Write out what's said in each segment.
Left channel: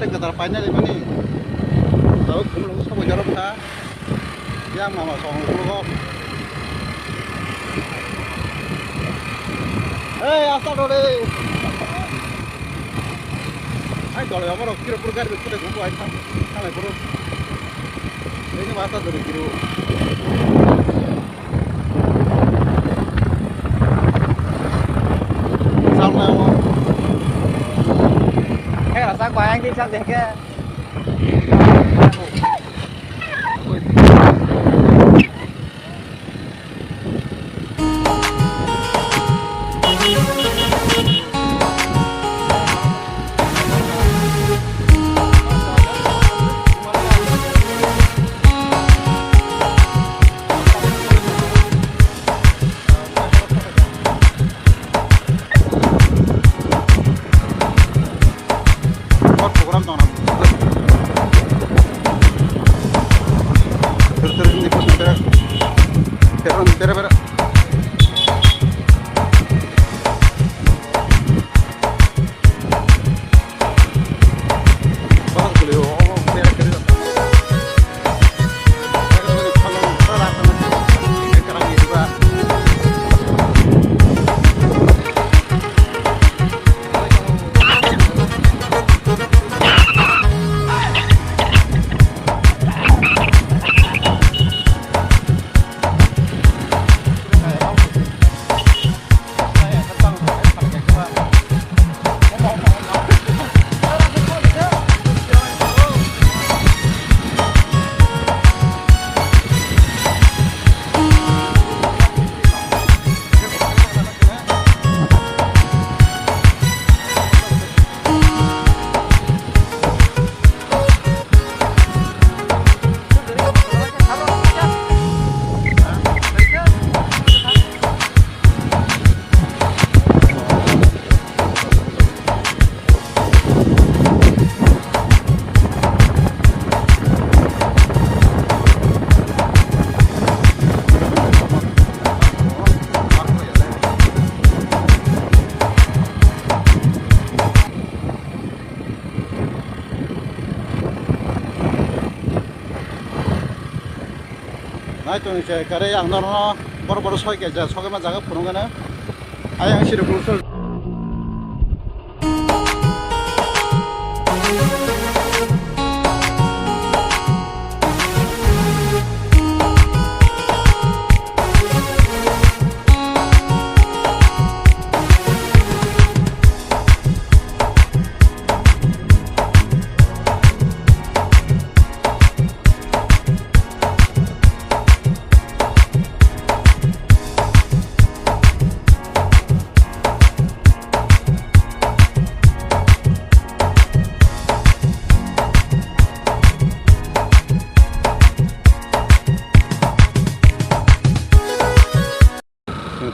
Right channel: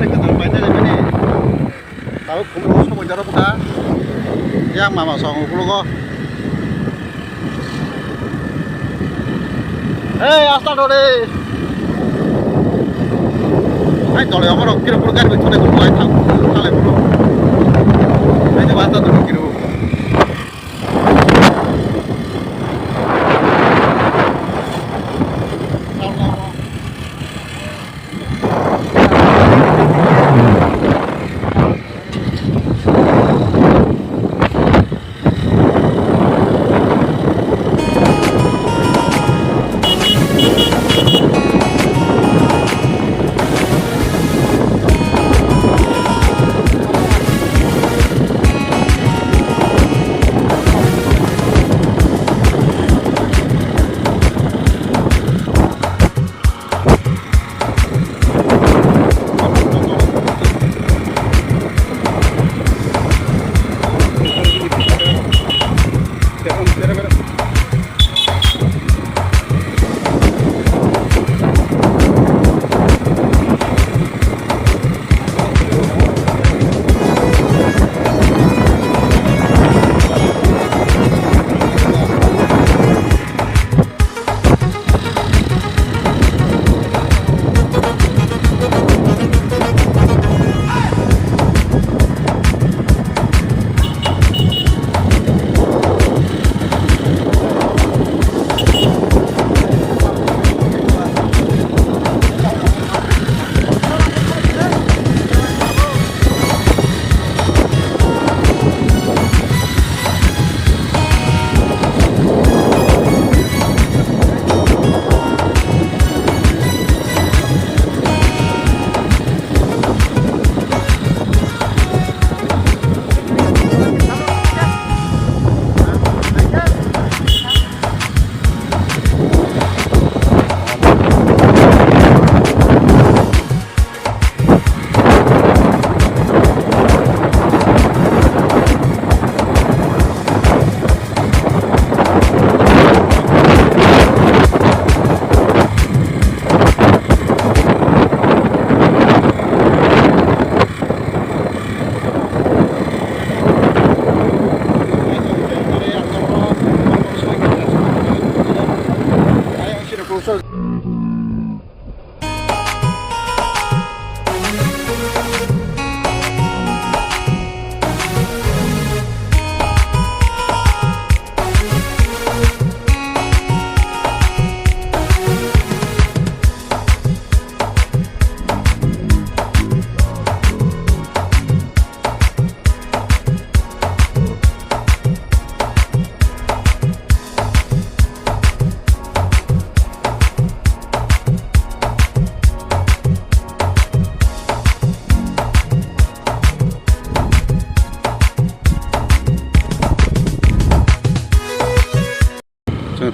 better kata final ini. Tahu kumlo sobo jaro buka. Yang mama song kulo ko. Asta dore. Ay dole amaro kira kulo gar bitone kulo ay tham. Tale kulo. Ay de bata to kiro.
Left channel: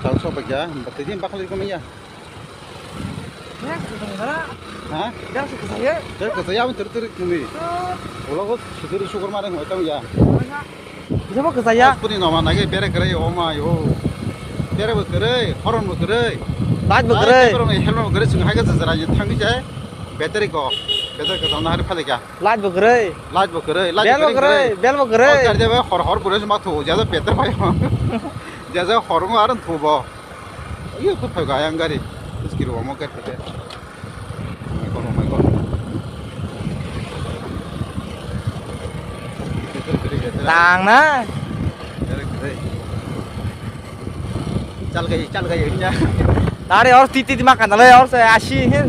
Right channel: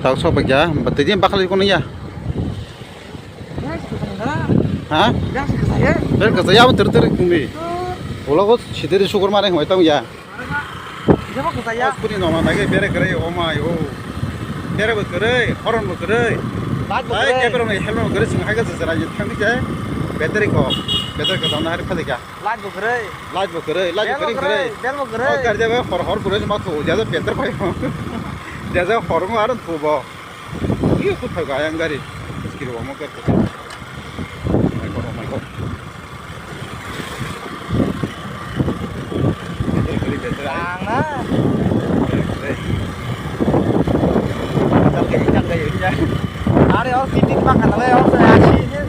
Tahu so baca, betulnya bakal ikut ya. Hah? Dari kata ya betul kumi. Kalau kau cedera syukur mana yang tahu ya. Siapa ke saya? Aku ni nama lagi pera kerai oma yo. Pera berkerai, horn berkerai. Light berkerai. Pera mai helmet berkerai sih harga sejarah itu kami cai. Bateri kata mana hari paling ya. Light berkerai. Light berkerai. Bel berkerai. Oh kerja hor bulan cuma tu, jadi Peter pakai. Jadi horong orang tu boh. Iya tu pakai yang gari. Sekiru mau ke tu. Oh my god. Tàng đó. Chal cái gì nha. Ari or titi makan le or ashi he.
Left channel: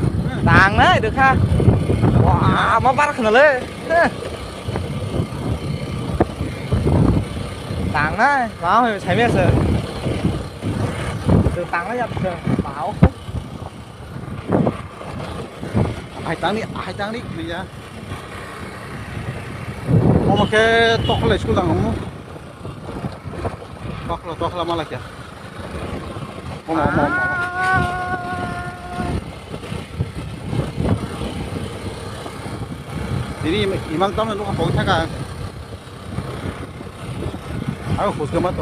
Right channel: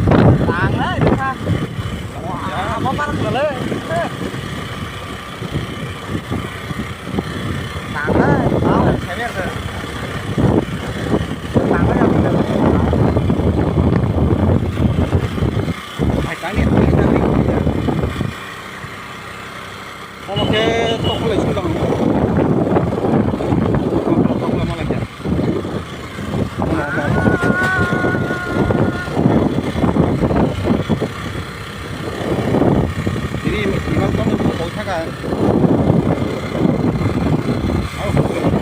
Tàng đó được ha. Wah, mau parah kena le. Tàng đó, mau sai mer se. Tàng đó yang. Hai tang ni ya. Mau pakai tok le sudah kamu. Tok lama lagi ya. Mau. Jadi memang tahu memang bau kan. Ayo bau kemat.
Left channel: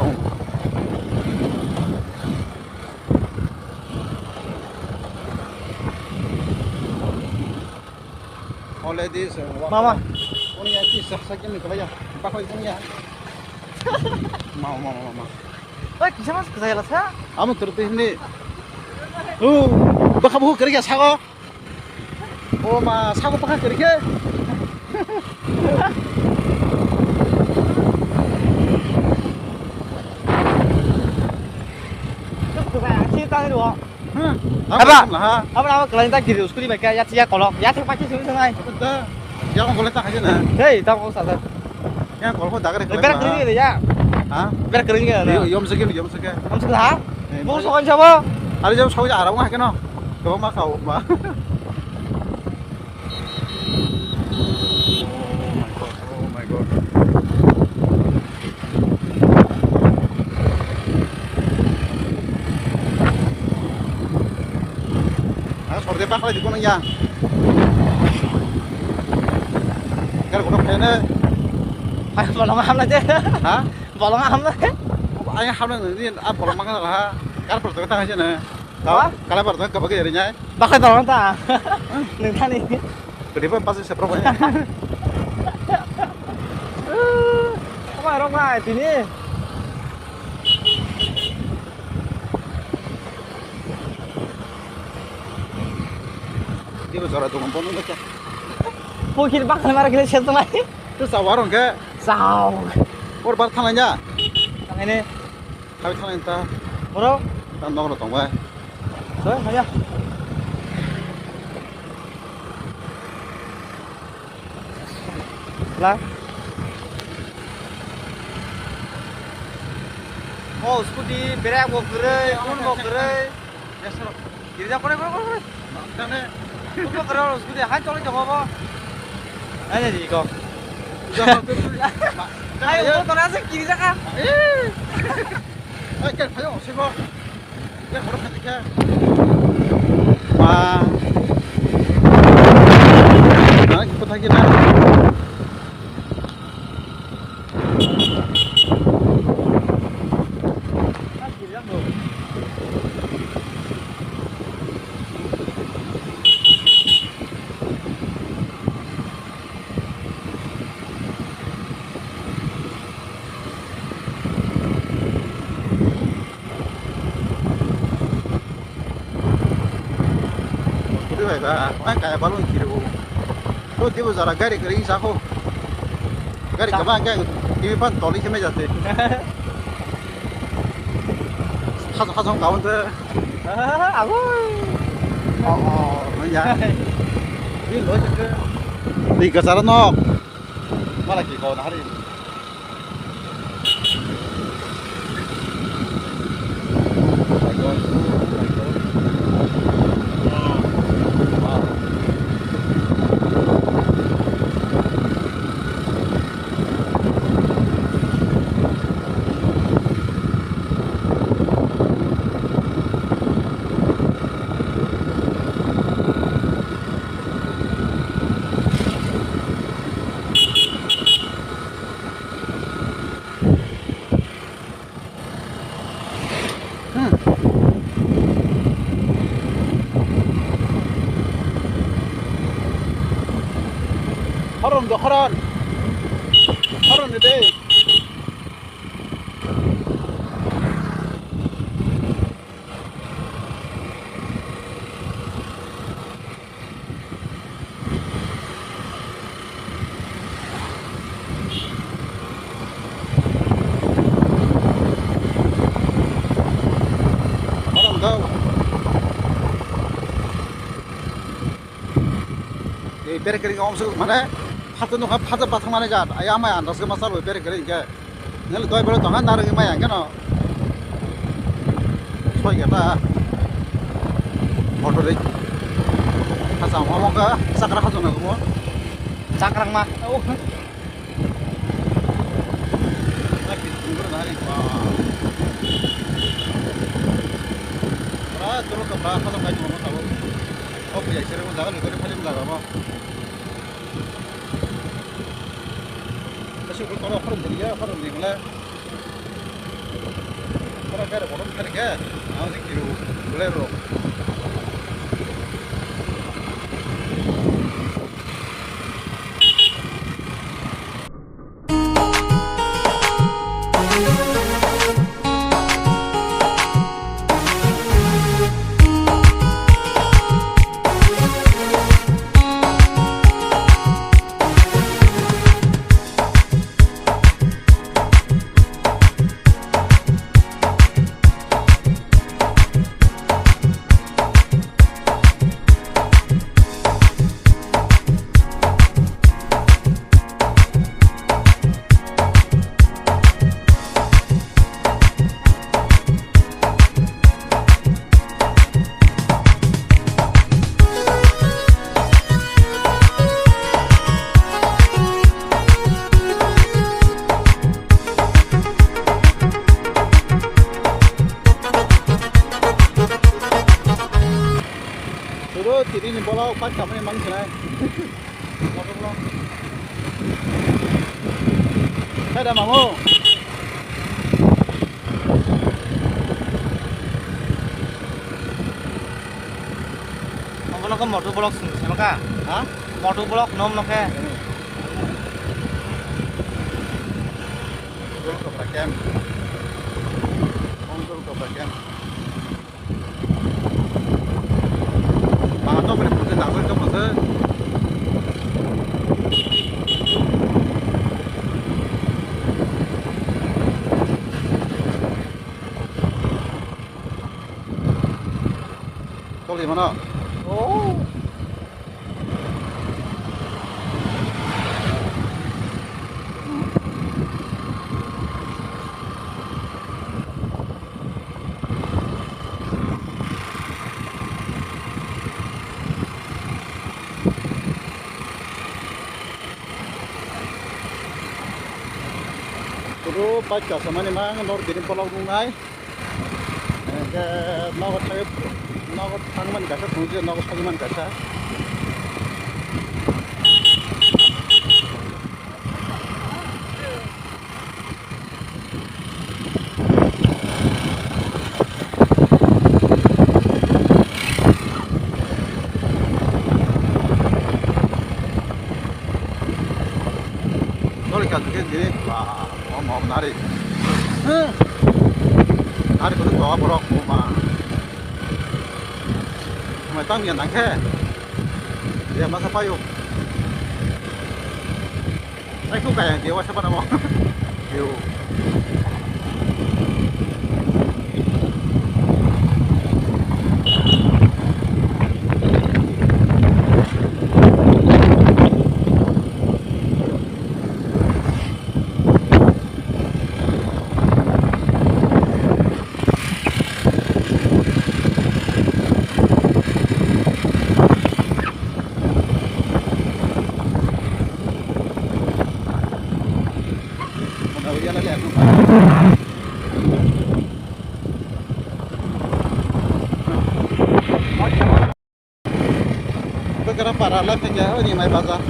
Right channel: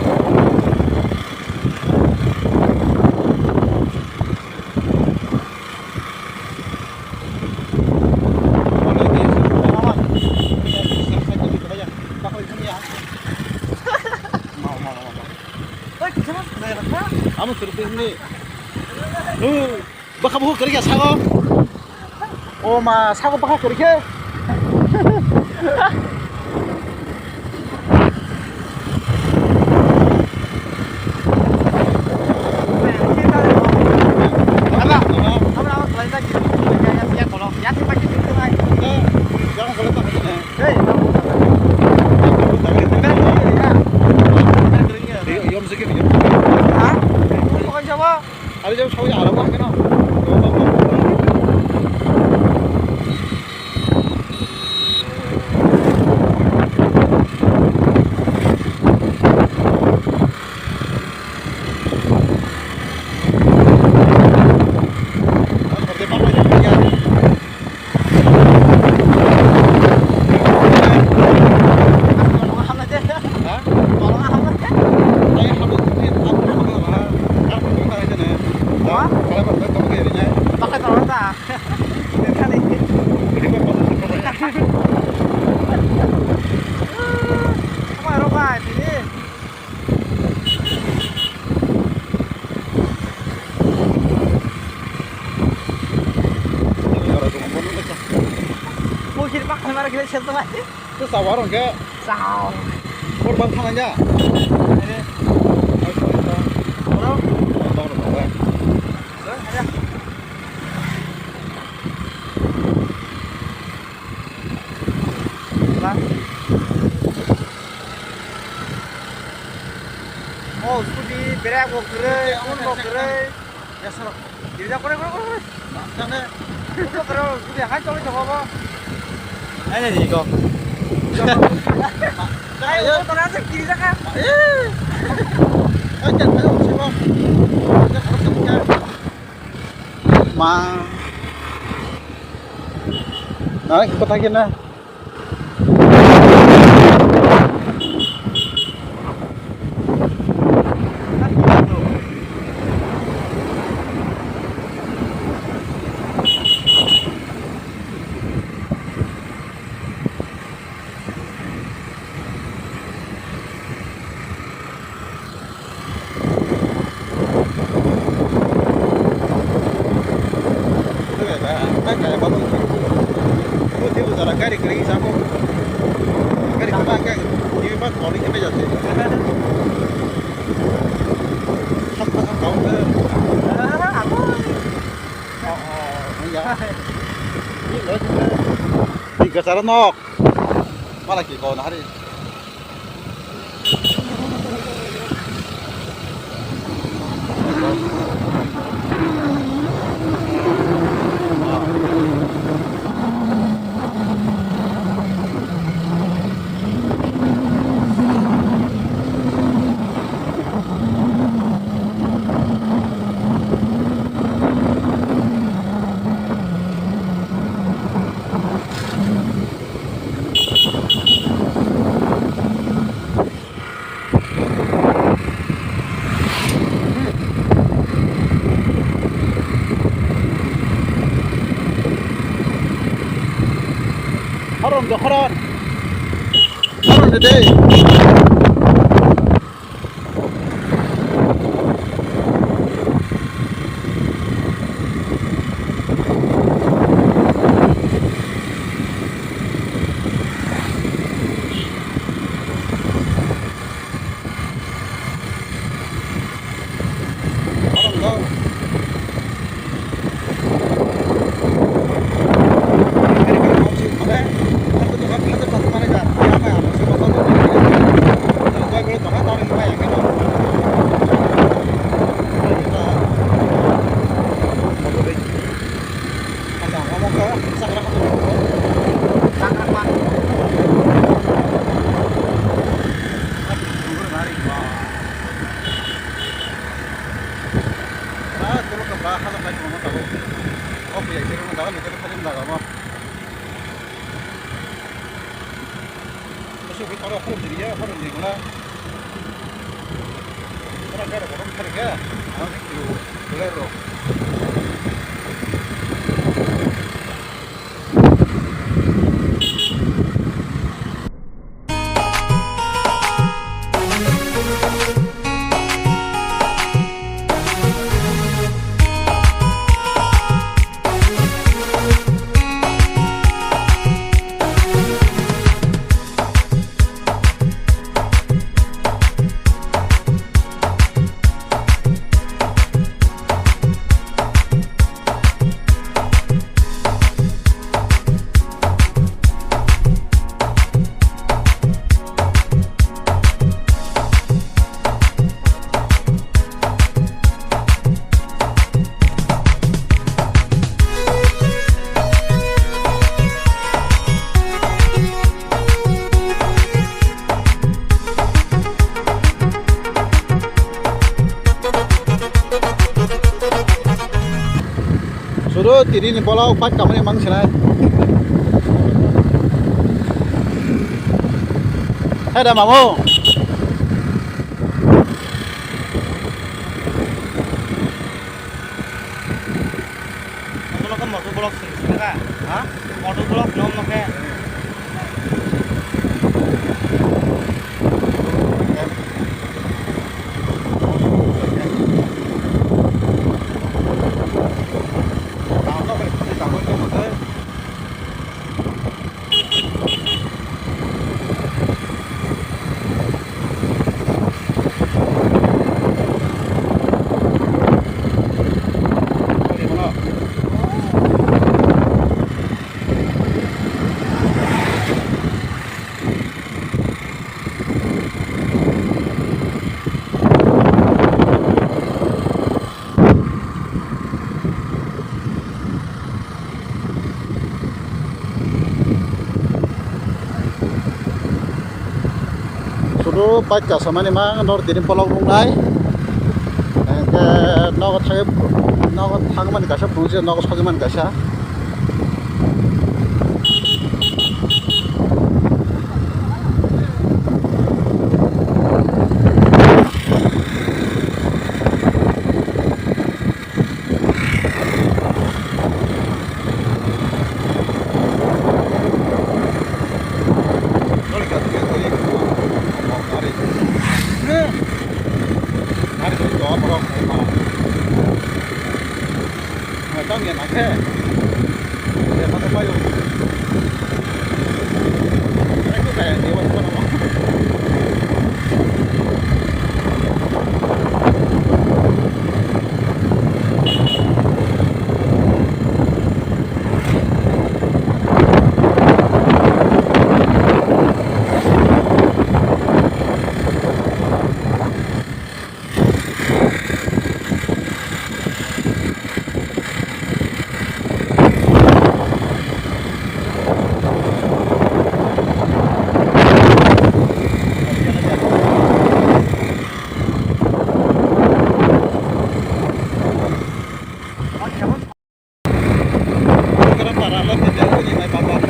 Mau 아무 들었더 있니? 너 가보고 그렇게 사고? 오마 사고 빠가 그렇게? Apa kalian tak kiri usuli mereka ya siap kalau ya tim pagi tim tengah. Jangan boleh tak aja nah. Hei, tak boleh tak. Yang kamu tak keren. Ber kering ya. Hah? Ber kering ya. Yom segini, yom segini. Ah? Bos soal siapa? Ada jam sawi arah wah kena. Tuh mah kamu pak. Seperti apa lagi ya? Tolong am aja. Hah? Tolong am aja. Saya harus ini apa makan lah. Kan perlu tak aja nah. Tahu? Kalau perlu kamu kirinya. Pakai tolong tak. Nanti nih. Jadi pasti seterusnya. Apa ini? Mungkin pak kemarin kita sentuh aja. Terus warung ke? Sao. Korban tangannya. Ini. Habis tangan kita. Bro. Mau nonton gue. Aja. Lah. Oh, scooty berak mau gerai, kun mau gerai. Ya serap. Kiri jak kore. Makanya. Kun mau gerai, scooty hai chole jak apa? Ini nih kok. Ayo, tolong aja kiri jak kan. Oke, ayo siapa? Kita korban ketiga. Ma. Nah, kita lagi nah. Kayak balon kiri bu. Lu tiba zara gari kiri saku. Gari kemana kan? Ini pas toli kena jatuh. Satu tahun tu. Aku. Oh, ya. Ini lo juga. Di kasar nok. Malah kau nak hari. Haron today. Haron daw. Kiri ngomong mana? Satu tu apa satu pasang mana jar? Ayam ayam, nasi pasang tu beri kiri je. Jadi tuai beri tengah taruh ayam ayam kan? Tuai kita foto dek. Pasang ngomong ke sakra satu nak ngomong. Cakrak mah. Tunggu hari. Wah, kalau ke belakang tu lagi ngomong tahu. Oh, punya cerita mana? Dah, kita paling belakang mah. Masuk ke kalau harum jadi ya, harum di mana? Orang kaya orang kaya, orang itu boleh roh. Suruh tiri ni bola upat kamu emang sih. Ada mamu. Kalau kau motor blok sini kan? Hah? Motor blok nom nak ke? Pakai. Pakai. Tangan kau pada pusing tangan kau betul. Kau di mana? Suruh baca sama ni mang nor dirin polong rungai. Nor thayep nor thangman kasa pungsi nor sogiman kasa. Kalau kat ke jadi mau nari. Nari tu doa borok mau. Macam yang nak ke? Dia macam apa yo? Aku kayak dia macam mana mau? Yo. Para lah kerja ni mai bazar.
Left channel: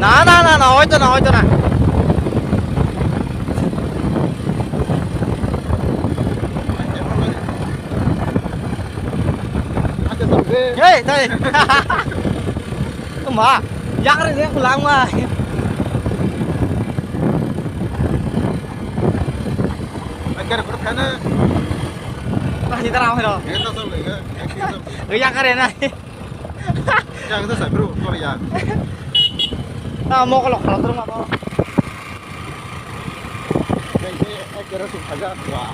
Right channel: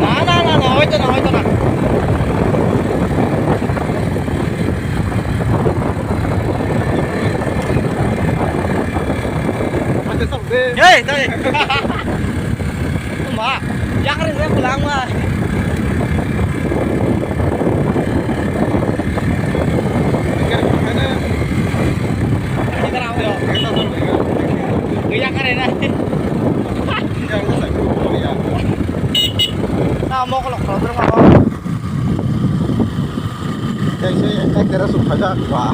Nah, hoy tu na. Ada sampai. Hei, tay. Mak, jangan saya pulang mah. Agar kerana Kita ramai loh. kita sampai ke. Gaya keren aja. Ya kita sakru kau ya. Nah, mau kalau terus apa? Jadi kita kira suka saja. Wah.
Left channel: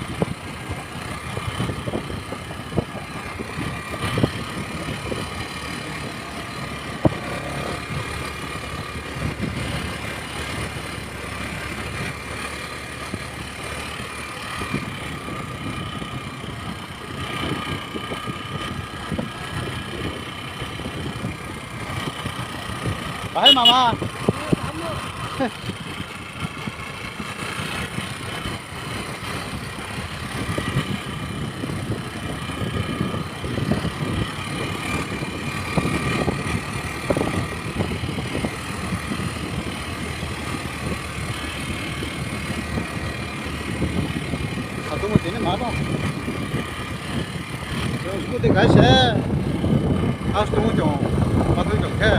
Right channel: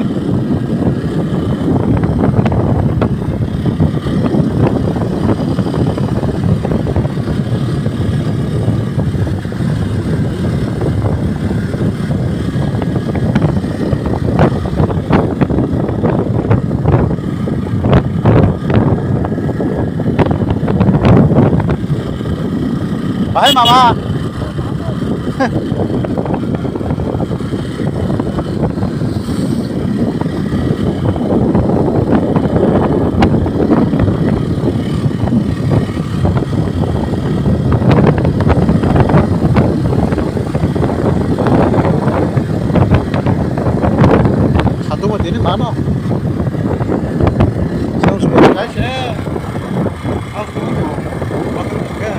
Hai mama. Satu mau ini mana? Saya sudah kasih. Aku tu tu. Waktu tu ke?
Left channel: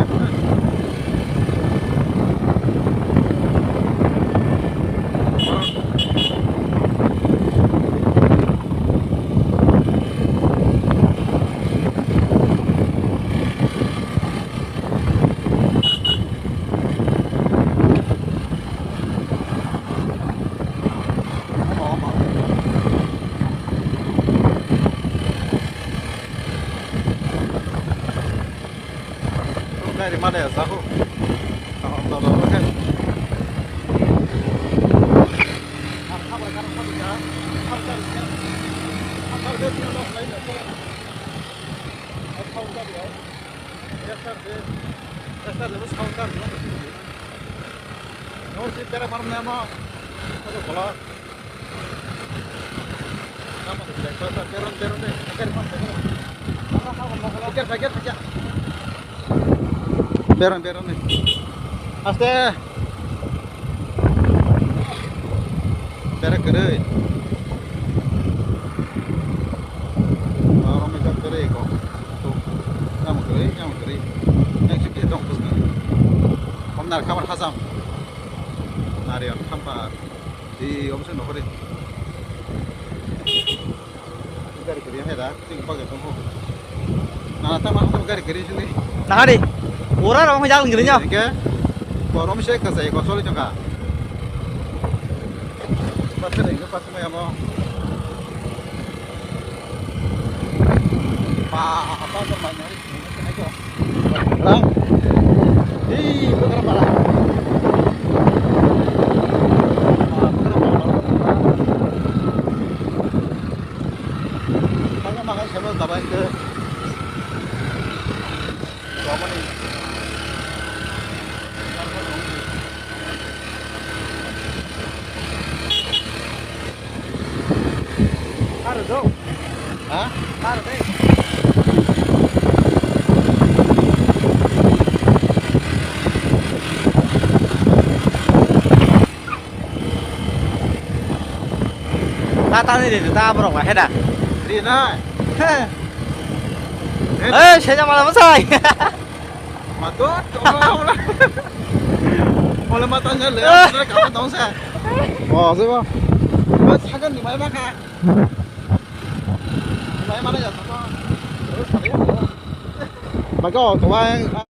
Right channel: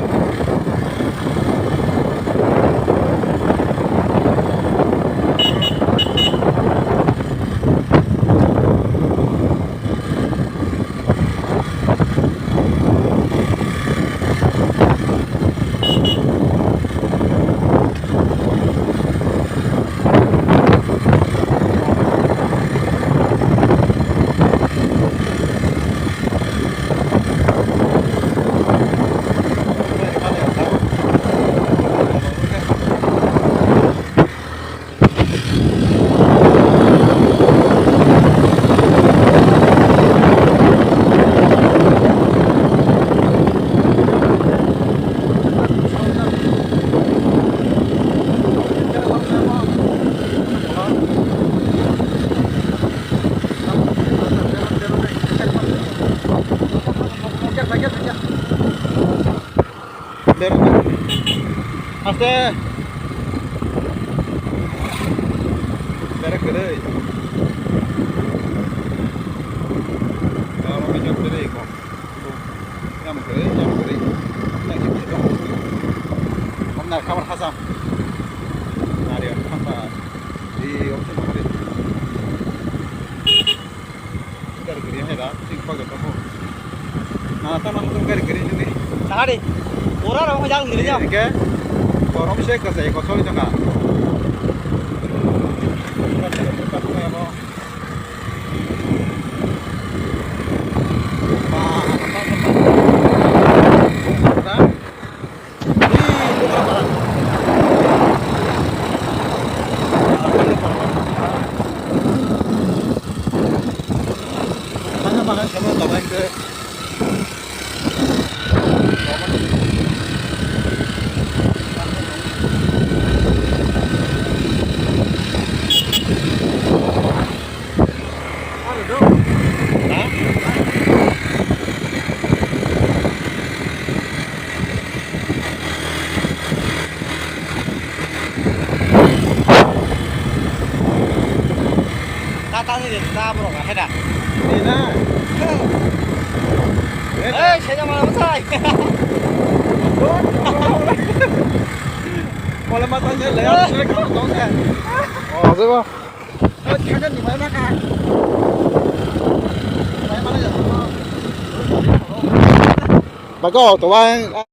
sakit. Biar. Aste. Biar gede. Kalau macam gede kok. Tuh. Yang gede. Yang kecil dong. Benar kamar Hasan. Nari kamar. Di opsi nomor ini. Gari है रा सिंह पगत हो ना ता मा हम gari ni Nah di. Orang orang jalan gini nya. ke forum se ka sai ko tholi changa patale ka tu me amo pa apa la di tu ka para makan sama kawan ke kawan ada dong hah Ta ni để ta bro hết à. đi na Ê, xe cho mà làm sao? Mantul, tolong. Oleh matanya lihat, ada kamu tahu saya. Oh, siapa? Buat kalian di mana kan? Mana ya semua? Terus tadi. Bagus, tuan.